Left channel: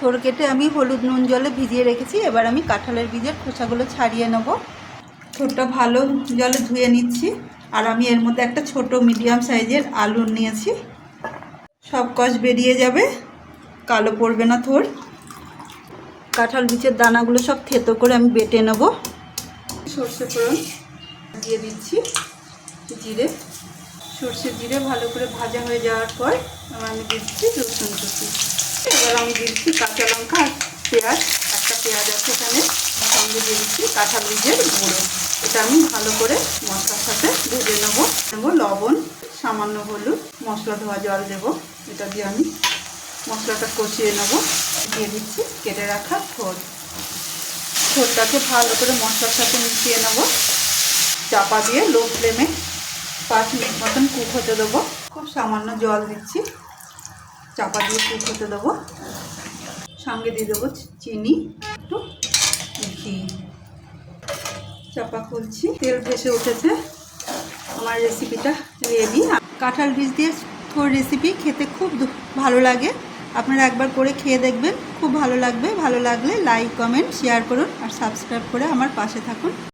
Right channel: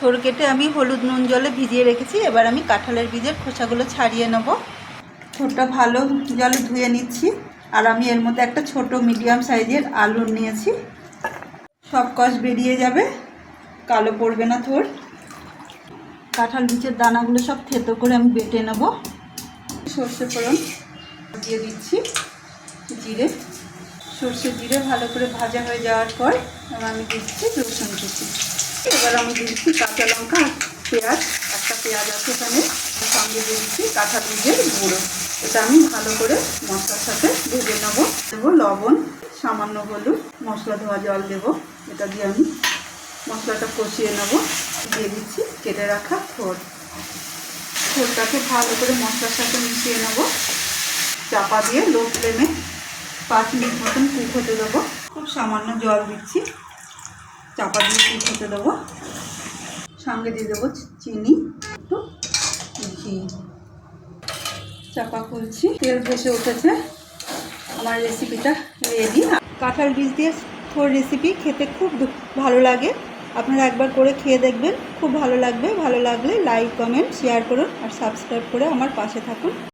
থোর কেটে আমি হলুদ নুন জলে ভিজিয়ে রেখেছি। এবার আমি কাঁঠালের বীজের খোসাগুলো ছাড়িয়ে নেব। থোরটা ভালো জলে ধুয়ে নিচ্ছি। আর আমি এর মধ্যে একটা ছোট মিডিয়াম সাইজের আলু নিয়েছি। সব কষ বেরিয়ে যাবে। কালো পড়বে না থোর। কাঁঠাল বীজের দানাগুলো সব থেতো করে আমি বেটে নেব। সর্ষে ফোড়ন দিয়ে দিচ্ছি। জিরে। সর্ষে জিরে ভালো করে ভাজা হয়ে যাওয়ার পর এবার আমি দিচ্ছি রসুন কুচি। এবার আমি দিচ্ছি কাঁচা লঙ্কা আর পেঁয়াজ। একটা পেঁয়াজ আছে এখানে সঙ্গে দিয়ে দিচ্ছি কাঁঠাল বীজের গুঁড়ো। এটা আমি ভালো করে মশলার সাথে ভেজে নেব। নেব লবণ, সামান্য হলুদ, মশলা ধোয়া জল দেবো। এটা দিয়ে আমি মশলাটা কষিয়ে নেব। দিয়ে দিচ্ছি কেটে রাখা থোর। থোরটাকে ভালো করে মশলার সাথে মিশিয়ে নেব। চাপা দিয়ে লো ফ্লেমে পাঁচ মিনিট মতন কুক হতে দেবো। খুব সামান্য জল দিচ্ছি। চাপা দিয়ে কুক হতে দেবো। সঙ্গে দিয়ে দেবো চিনি, একটু ঘি। চাপা খুলছি। তেল ভেসে উঠেছে। আমার রেসিপিটা রেডি কাঁঠাল বীজ দিয়ে থোর রেসিপি খেতে খুব ভালো লাগে। আপনারা একবার করে খেয়ে দেখবেন। খুব ভালো লাগবে। ভালো লাগলে লাইক কমেন্ট শেয়ার করুন আর সাবস্ক্রাইব করে আমার পাশে থাকুন।